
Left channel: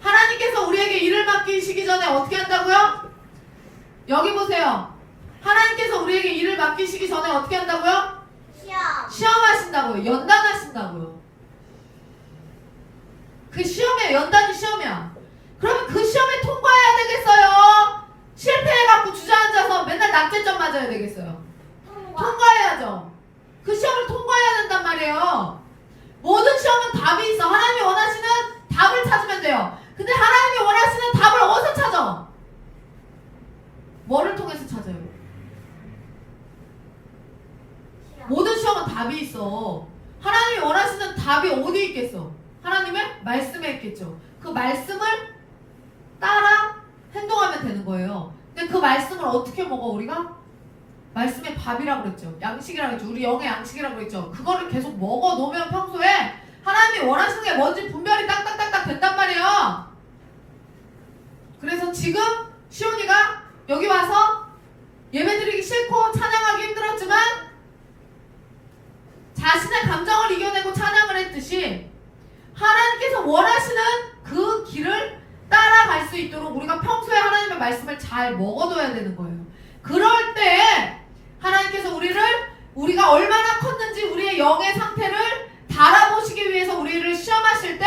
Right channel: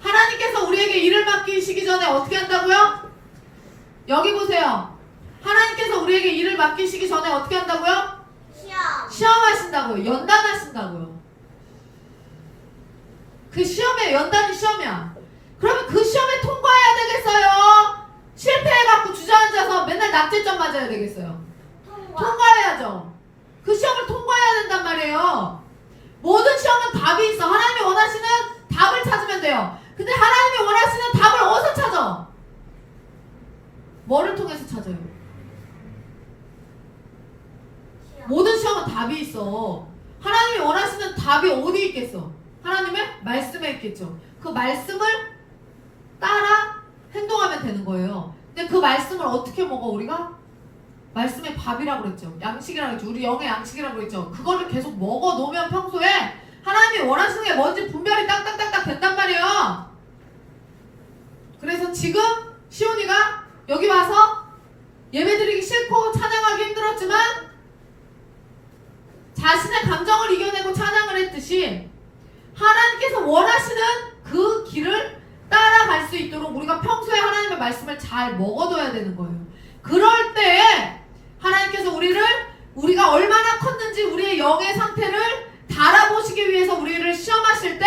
하나님께서 우리에게 일을 맡기시기 전에 어떻게 한다고요? 여기 보세요. 하나님께서 우리에게 일을 맡기시기 전에 어떻게 한다고요? 시험하신다고요. 연단하신다고요. 그 시험에 연단이 시험이야. 그러면 그 시험에 통과해야 되겠어요? 실패해갖고 주저앉아서 맨날 낙제점 맞아야 되겠어요? 통과해야죠. 그 시험을 통과해야 된단 말이에요. 모든 시험은 답이 있어. 하나님이 원하시는 답을 찾으면 돼요. 근데 하나님이 원하시는 답을 어디서 찾아? 뭐를 통해서 찾아요? 모든 시험은 답이 있어. 하나님이 원하시는 답이 어디 있겠어? 하나님의 말씀에 있겠죠. 그 말씀을 따라 행동하면 되는 거예요. 근데 그 말씀을 어떻게 먹어 우리가? 말씀의 밥이라고 그랬죠. 양식이라고 했죠. 우리 영의 양식이라고 그랬죠. 그거를 계속 먹어 놓으면 평소에 하나님이 원하시는 게 뭔지 분별이 딱딱딱딱 된단 말이에요. 그래서 지금 시온이가 여기 와서 예배드리기 싫고 찬양하기 힘들었지만 자신의 감정을 이겨내고 찬양을 했듯이 하나님께서 원하시는 그 길을 따라갈 수 있도록 우리가 평소에 하나님의 말씀을 잘 먹어둬야 되는 거예요. 그럴 때 하나님께서 우리가 얼마나 컸는지 우리의 영의 상태를 달아보시기 위해서 우리를 시험하실 때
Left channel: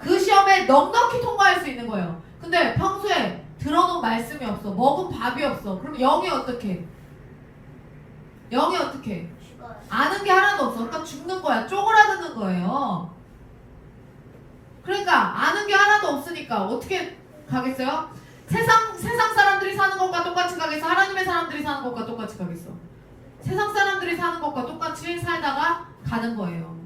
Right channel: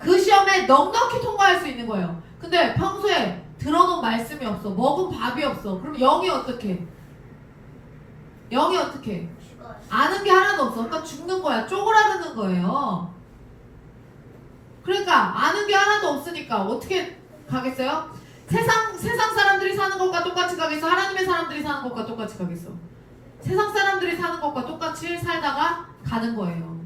그 시험에 넉넉히 통과할 수 있는 거예요. 근데 평소에 들어놓은 말씀이 없어. 먹은 밥이 없어. 그럼 영이 어떻게? 영이 어떻게? 아는 게 하나도 없어. 그러니까 죽는 거야. 쪼그라드는 거예요. 그러니까 아는 게 하나도 없으니까 어떻게 가겠어요? 세상 사람들이 사는 것과 똑같이 가겠어? 하나님의 사람들이 사는 것과 똑같이 가겠어? 세상 사람들이 사는 것과 똑같이 살다가 가는 거예요.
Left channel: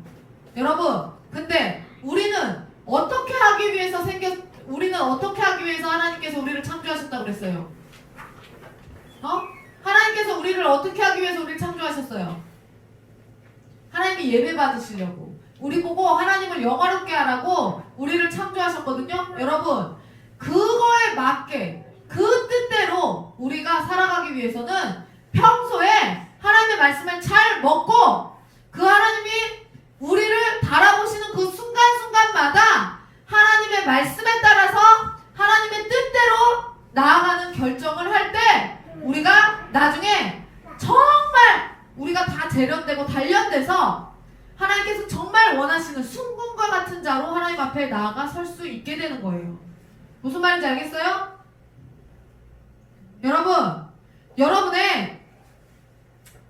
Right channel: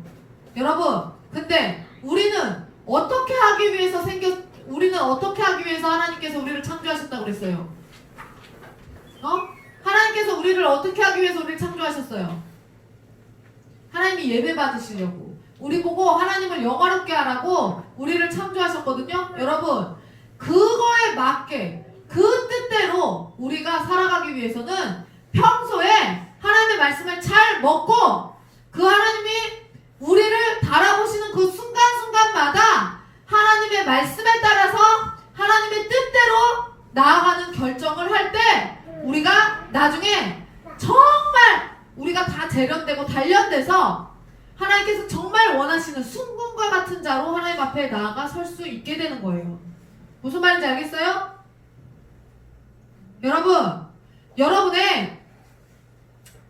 여러분, 근데 우리는 어떻게 하기 위해서 하나님께서 우리를 창조하셨다고 그랬어요? 하나님께서 우리를 어떻게 하기 위해서 우리를 창조하셨어요? 하나님이 예배 받으시려고. 우리 보고 하나님을 영화롭게 하라고 우리를 창조하셨거든요. 여러분, 그거에 맞게 그 뜻대로 우리가 살아가기 위해서는 평소에 하나님의 말씀을 잘 먹고 그 하나님이 우리를 달아보시는 그 순간순간마다 하나님의 말씀에 따라서 하나님의 뜻대로 나아가는 결정을 할 때 우리가 나중에 정말 우리가 다 재련되고 단련돼서 하나님께서 정말 원하시는 순금과 같은 자로 하나님 앞에 나아가 설 수 있게 되는 거예요. 무슨 말인지 알겠어요? 여러분, 여러분의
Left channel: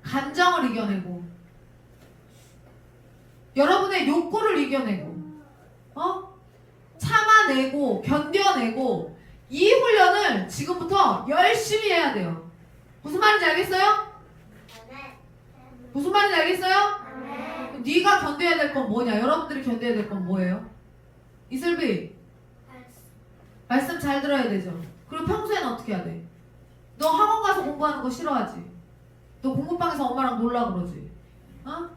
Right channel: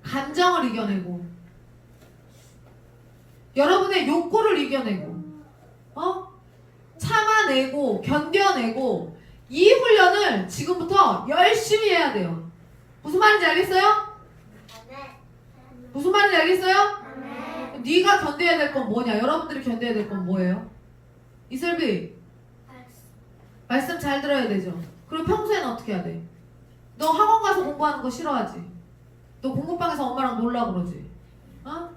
감정을 이겨내고 여러분의 욕구를 이겨내고 참아내고 견뎌내고 이 훈련을 지금부터 열심히 해야 돼요. 무슨 말인지 알겠어요? 무슨 말인지 알겠어요? 네가 견뎌야 될 건 뭐냐? 여러분들이 견뎌야 될 건 뭐예요? 이슬비, 말씀 잘 들어야 되죠. 그리고 평소에는 어떻게 해야 돼? 너 학원 가서 공부하는 거 싫어하지? 너 공부방에서 엄마랑 놀라 그러지. 어?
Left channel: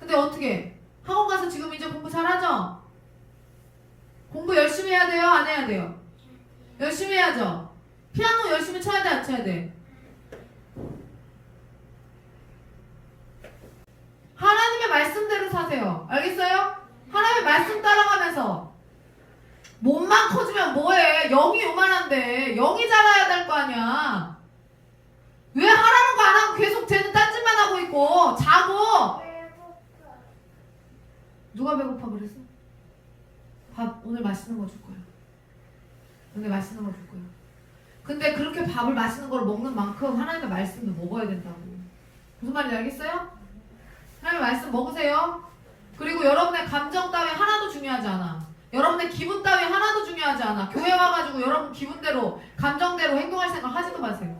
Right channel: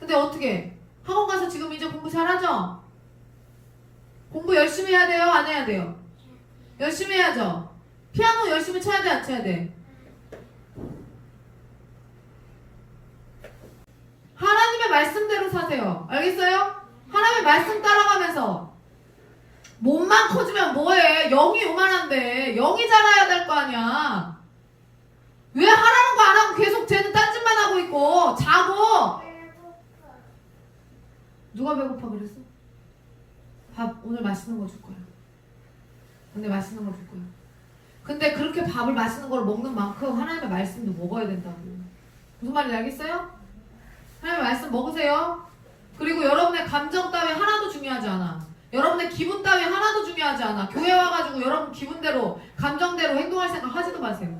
근데 어떻게? 학원 가서 지금 이제 공부 잘하죠? 공부 열심히 해야 돼요? 안 해야 돼요? 열심히 해야죠. 피아노 열심히 쳐야 돼? 안 쳐야 돼? 하나님의 말씀대로 사세요. 알겠어요? 하나님의 말씀 따라가면서 몸만 커지면 뭐해? 영이 요만한데 영이 자라야 될 거 아니야. 왜 하라는 거 안 하고 계속 쟤는 딴짓만 하고 있고 자고. 누가 배고파 그랬어? 밥 오늘 맛있는 거 줄 거야. 오늘 맛있는 거 줄 거야. 근데 그렇게 밥을 맛있는 걸 먹는 만큼 하나님의 말씀도 먹어야 된다고. 무슨 말인지 알겠어요? 하나님의 말씀 먹으세요. 그리고 여러분의 감정 따위 하나도 중요하지 않아. 여러분의 기분 따위 하나도 중요하지 않아. 교회 와가지고 여러분 기분대로 감정대로 행동할 생각 하지도 마세요.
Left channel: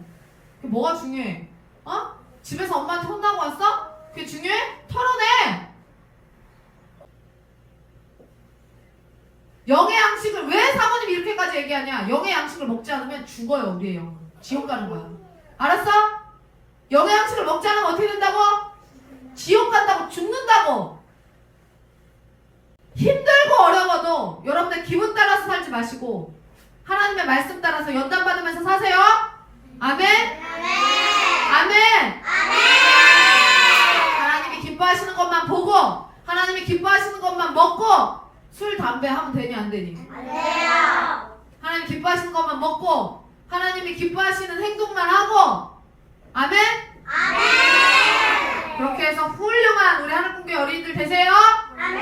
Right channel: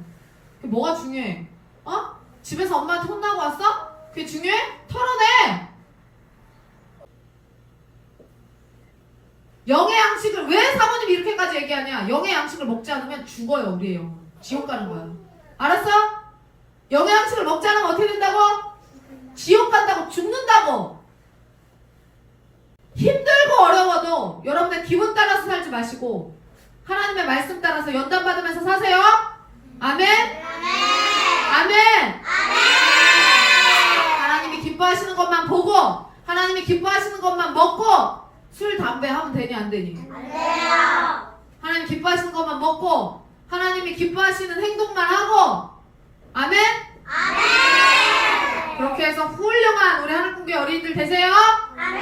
그게 뭐가 중요해? 어? 집에서 엄마한테 혼나고 왔어? 그게 중요해? 털어내! 영의 양식을 왜 사모님이 이렇게까지 얘기하냐? 영의 양식을 먹지 않으면 죽어요. 우리의 영은. 지옥 가는 거야. 알았어? 영의 양식을 먹지 않으면 어떻게 된다고? 지옥 간다고. 죽는다고. 힘들고 어려워도 여러분의 기분 따라서 살지 마시고 하나님의 말씀 따라서 연단 받으면서 사세요. 아멘. 아멘. 하나님이 기뻐하시는 것만 보고 하나님이 기뻐하시는 것만 먹고 술, 담배 하면 되니 안 되니? 안 돼요. 하나님 기뻐하시는 것만 먹고 하나님이 기뻐하시는 행동만 하고 아멘? 아멘. 그렇게 해서 훌륭한 우리 하늘꿈교회 어린이들 되세요. 아멘.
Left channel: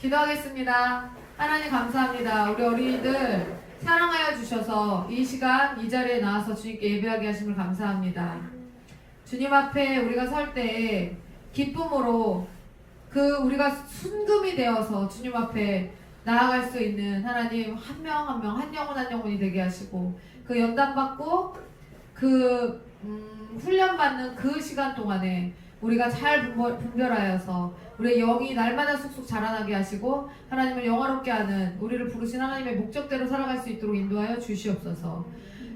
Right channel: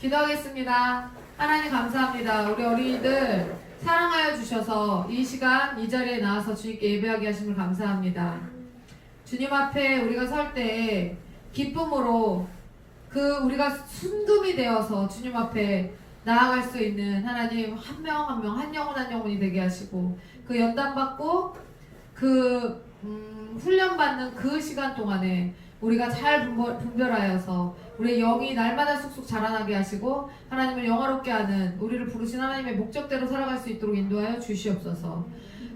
기도하겠습니다. 하나님 감사합니다. 우리 어린이들 사랑하여 주셔서 이 시간 이 자리에 나와서 주님께 예배하게 하심을 감사합니다. 주님 앞에 우리가 설 때 기쁨으로 우리가 순금이 되어서 주님 앞에 나아갈 수 있는 하나님 한 명 한 명 한 영혼 한 영혼이 되게 하시고 그 연단받고 훈련받는 그 시간 동안에 우리가 잘 분별하여서 우리의 영이 날마다 쑥쑥 자라나게 하시고 하나님을 영화롭게 하는 우리를 부르신 하나님의 목적대로 살아갈 수 있도록 인도하여 주시옵소서.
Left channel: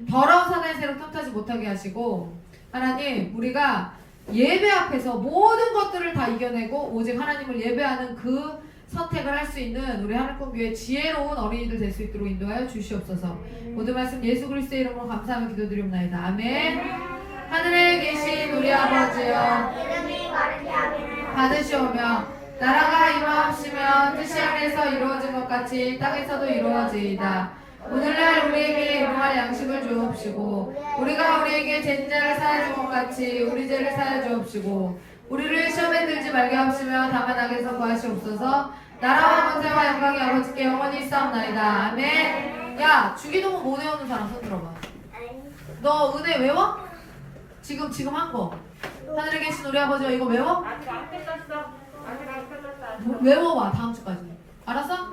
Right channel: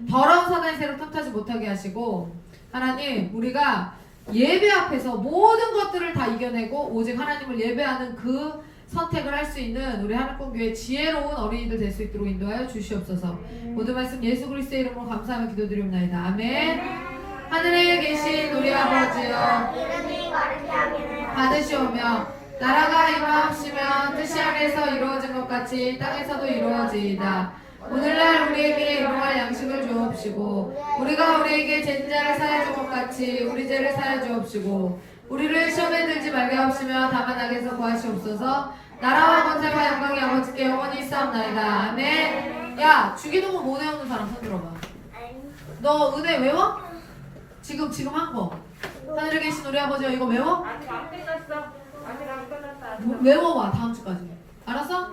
더러운 사단의 세력 틈타지 못하게 하시고 하나님 우리가 예배 앞에서 모든 것들을 다 이겨내고 오직 하나님을 예배하는 그 선택을 할 수 있는 우리 하늘꿈교회 지혜로운 어린이들 될 수 있도록 인도하여 주시옵소서. 모든 말씀 예수 그리스도의 이름으로 감사하며 기도드리옵나이다. 아멘. 하늘에 계신 우리 아버지여 이름이 거룩히 하기를 받으시오며 나라가 이루어지면 뜻이 하늘에서 이루어진 것 같이 땅에서도 이루어지이다. 오늘날 우리에게 일용할 양식을 주옵시고 우리가 우리에게 진 자를 사하여 준 것 같이 우리 죄를 사하여 주옵시고 우리를 시험에 들지 말게 하옵시며 다만 악에서 구하시옵소서. 나라와 권세와 영광이 아버지께 영원히 있사옵나이다. 아멘. 야 주기도문 못 외우는 사람 손 들어봐. 너 은혜 외워? 지금 한 거. 하늘에 계신 우리 아버지가 이거 외워? 아직 안 끝났어. 아직 안 끝났어. 외워와 다음 주까지. 알았어?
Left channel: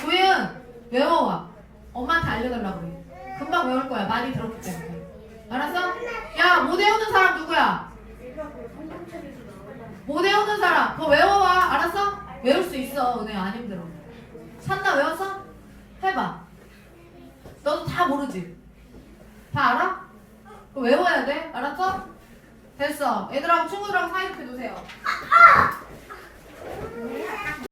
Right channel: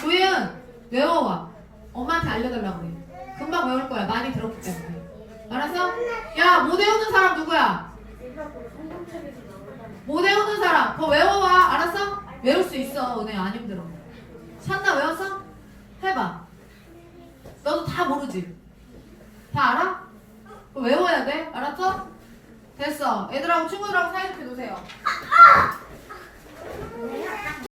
조예은 외워와. 엄마한테 알려달라고 그래. 금방 외울 거야. 많이 들었기 때문에. 알았어? 야 못 외우는 사람 누구야? 못 외우는 사람 그거 외워와. 알았어? 외울 수 있어. 은혜 안 힘들어. 찬나 외웠어? 해봐. 너도 다 모르지? 다 알아? 그거 외워야 돼. 알았어? 됐어. 애들하고 친구들하고 사이좋게 노세요.